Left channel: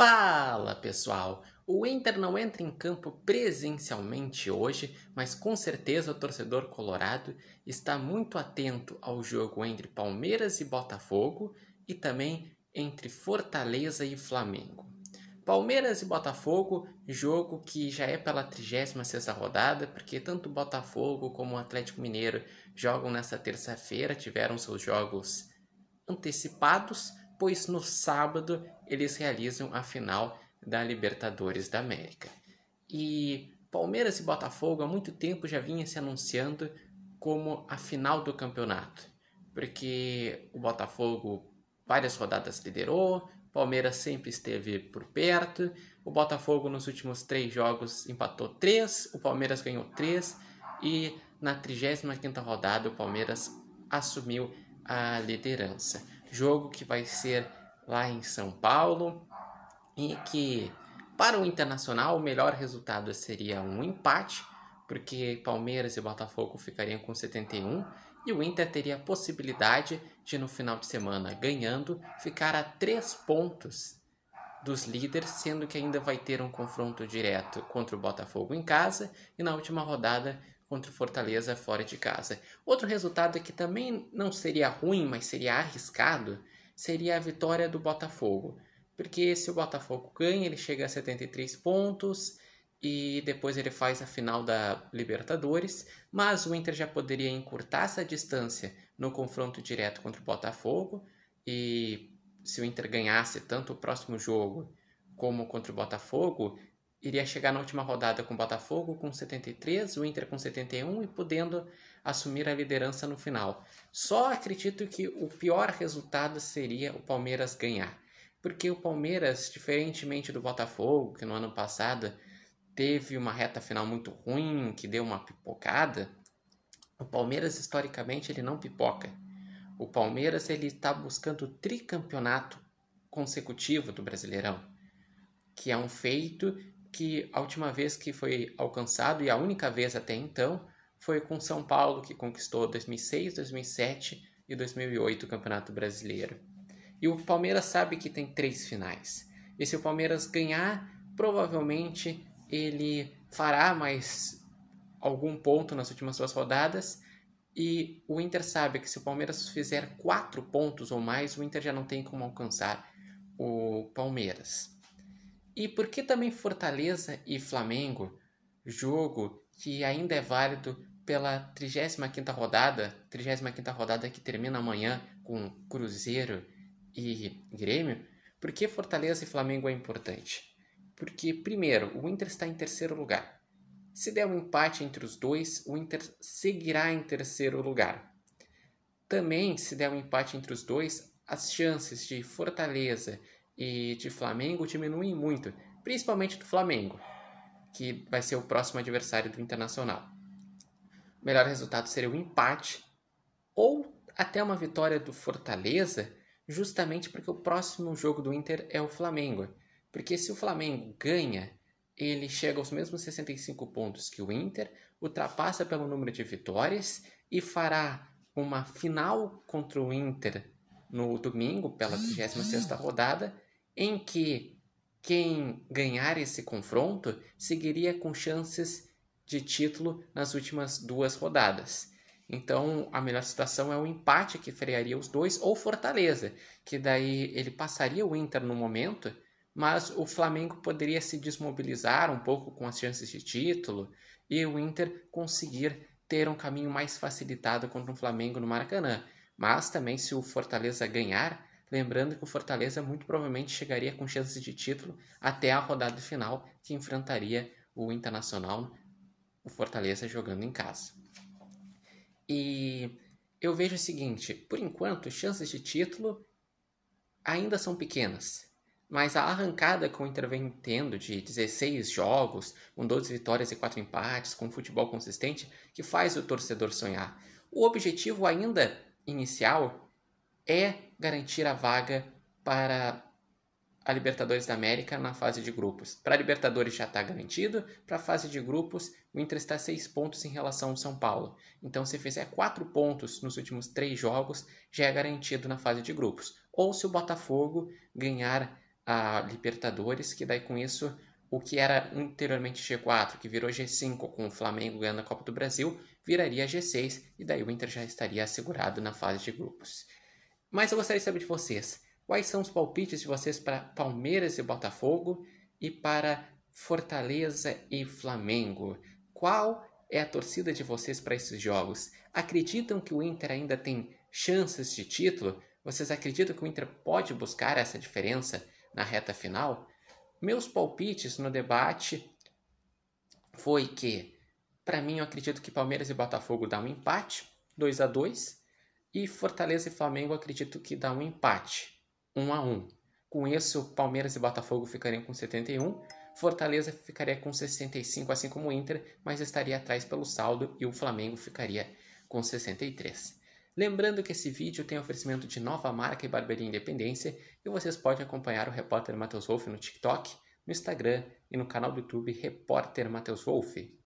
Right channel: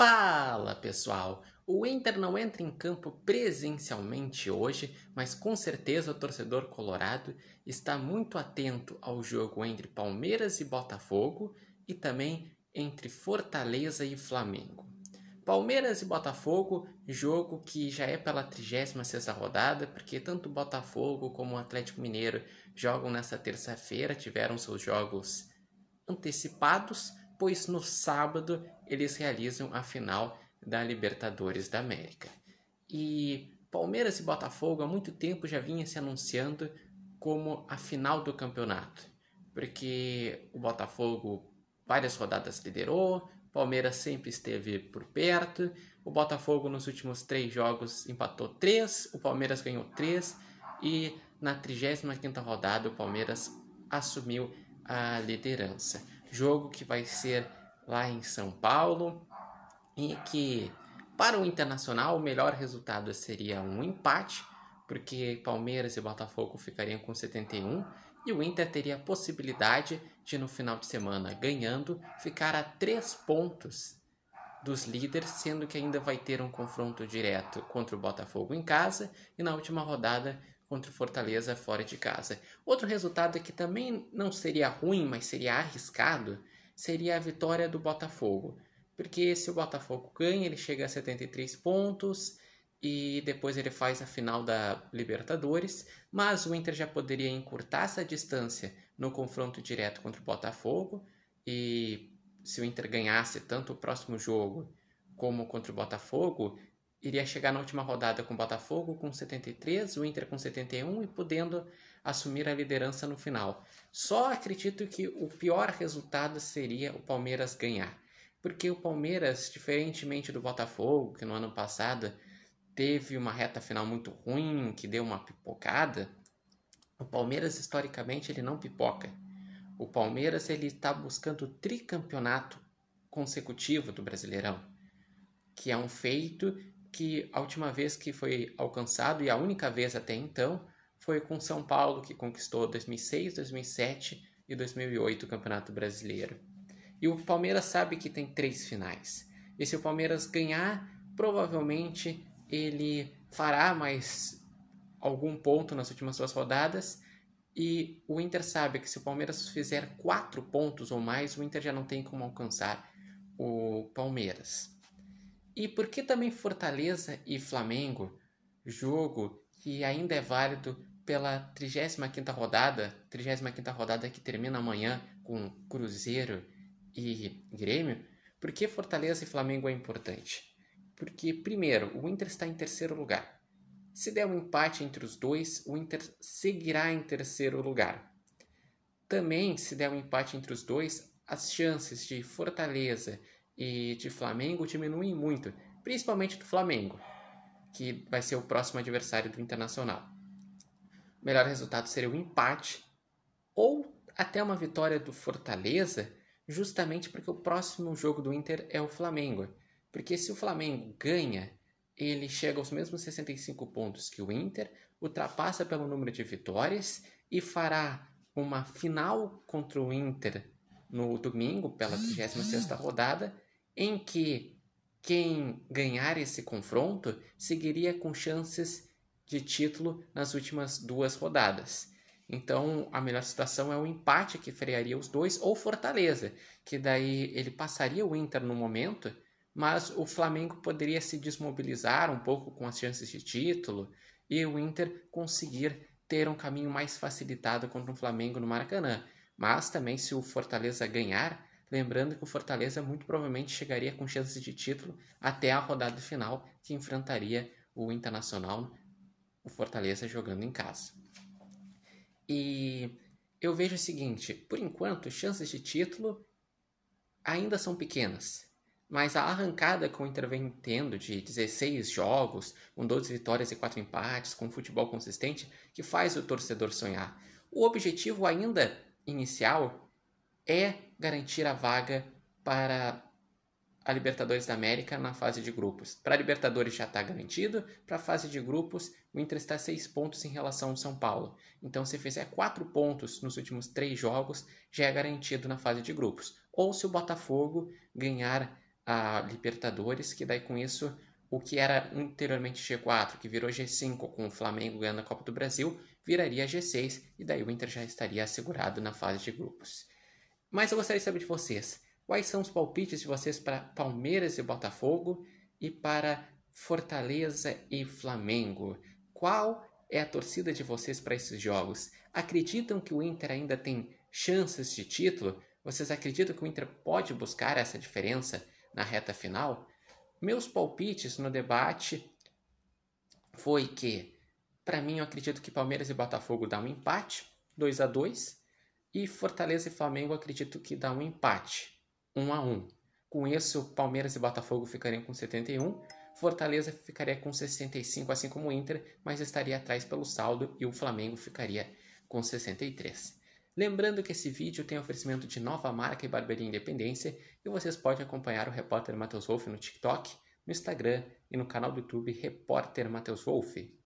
Fala, pessoal! O Inter não entra em campo presencialmente hoje, mas com certeza o torcedor colorado está muito atento ao jogo entre Palmeiras e Botafogo e também entre Fortaleza e Flamengo. Palmeiras e Botafogo, jogo que já é pela 36ª rodada, porque tanto o Botafogo como o Atlético Mineiro jogam nesta terça-feira, tiveram seus jogos antecipados, pois no sábado eles realizam a final da Libertadores da América. E Palmeiras e Botafogo há muito tempo já vinha se anunciando como a final do campeonato, porque o Botafogo várias rodadas liderou, Palmeiras sempre esteve por perto, o Botafogo nos últimos 3 jogos empatou 3, o Palmeiras ganhou 3 e na 35ª rodada o Palmeiras assumiu a liderança. Jogo que vai ser lá em São Paulo e que para o Internacional o melhor resultado seria um empate, porque Palmeiras e Botafogo ficariam com 71 e o Inter teria a possibilidade de no final de semana, ganhando, ficar a 3 pontos dos líderes, sendo que ainda vai ter um confronto direto contra o Botafogo em casa e na última rodada contra o Fortaleza fora de casa. Outro resultado que também não seria ruim, mas seria arriscado, seria a vitória do Botafogo. Porque se o Botafogo ganha, ele chega a 73 pontos e depois ele faz a final da Libertadores, mas o Inter já poderia encurtar essa distância no confronto direto contra o Botafogo, e se o Inter ganhasse tanto o próximo jogo como contra o Botafogo, iria chegar na última rodada com o Botafogo com 73, o Inter com 71 e podendo assumir a liderança no final. Só acredito que o pior resultado seria o Palmeiras ganhar, porque o Palmeiras, diferentemente do Botafogo, que no ano passado teve uma reta final muito ruim, que deu uma pipocada, o Palmeiras historicamente ele não pipoca. O Palmeiras ele está buscando o tricampeonato consecutivo do Brasileirão, que é um feito que a última vez que foi alcançado, e a única vez até então, foi com São Paulo, que conquistou 2006, 2007 e 2008 o Campeonato Brasileiro. E o Palmeiras sabe que tem 3 finais. E se o Palmeiras ganhar, provavelmente ele fará mais algum ponto nas últimas 2 rodadas. E o Inter sabe que se o Palmeiras fizer 4 pontos ou mais, o Inter já não tem como alcançar o Palmeiras. E por que também Fortaleza e Flamengo, jogo que ainda é válido pela 35ª rodada que termina amanhã com Cruzeiro e Grêmio? Por que Fortaleza e Flamengo é importante? Porque, primeiro, o Inter está em 3º lugar. Se der um empate entre os dois, o Inter seguirá em 3º lugar. Também, se der um empate entre os dois, as chances de Fortaleza e de Flamengo diminuem muito, principalmente do Flamengo, que vai ser o próximo adversário do Internacional. O melhor resultado seria o empate ou até uma vitória do Fortaleza, justamente porque o próximo jogo do Inter é o Flamengo. Porque se o Flamengo ganha, ele chega aos mesmos 65 pontos que o Inter, ultrapassa pelo número de vitórias e fará uma final contra o Inter no domingo, pela 36ª rodada, em que quem ganhar esse confronto seguiria com chances de título nas últimas 2 rodadas. Então, a melhor situação é o empate, que frearia os dois, ou Fortaleza, que daí ele passaria o Inter no momento, mas o Flamengo poderia se desmobilizar um pouco com as chances de título e o Inter conseguir ter um caminho mais facilitado contra o Flamengo no Maracanã. Mas também, se o Fortaleza ganhar, lembrando que o Fortaleza muito provavelmente chegaria com chances de título até a rodada final, que enfrentaria o Internacional, o Fortaleza jogando em casa. E eu vejo o seguinte, por enquanto, chances de título ainda são pequenas, mas a arrancada que o Inter vem tendo de 16 jogos, com 12 vitórias e 4 empates, com futebol consistente, que faz o torcedor sonhar. O objetivo ainda inicial é garantir a vaga para a Libertadores da América na fase de grupos. Para a Libertadores já está garantido, para a fase de grupos o Inter está a 6 pontos em relação ao São Paulo. Então se fizer 4 pontos nos últimos 3 jogos, já é garantido na fase de grupos. Ou se o Botafogo ganhar a Libertadores, que daí com isso o que era anteriormente G4, que virou G5 com o Flamengo ganhando a Copa do Brasil, viraria G6 e daí o Inter já estaria assegurado na fase de grupos. Mas eu gostaria de saber de vocês, quais são os palpites de vocês para Palmeiras e Botafogo e para Fortaleza e Flamengo? Qual é a torcida de vocês para esses jogos? Acreditam que o Inter ainda tem chances de título? Vocês acreditam que o Inter pode buscar essa diferença na reta final? Meus palpites no debate foi que, para mim, eu acredito que Palmeiras e Botafogo dá um empate, 2-2, e Fortaleza e Flamengo eu acredito que dá um empate, 1-1. Com isso, Palmeiras e Botafogo ficariam com 71, Fortaleza ficaria com 65, assim como o Inter, mas estaria atrás pelo saldo, e o Flamengo ficaria com 63. Lembrando que esse vídeo tem oferecimento de Nova Marca e Barbearia Independência, e vocês podem acompanhar o repórter Matheus Wolff no TikTok, no Instagram e no canal do YouTube Repórter Matheus Wolff.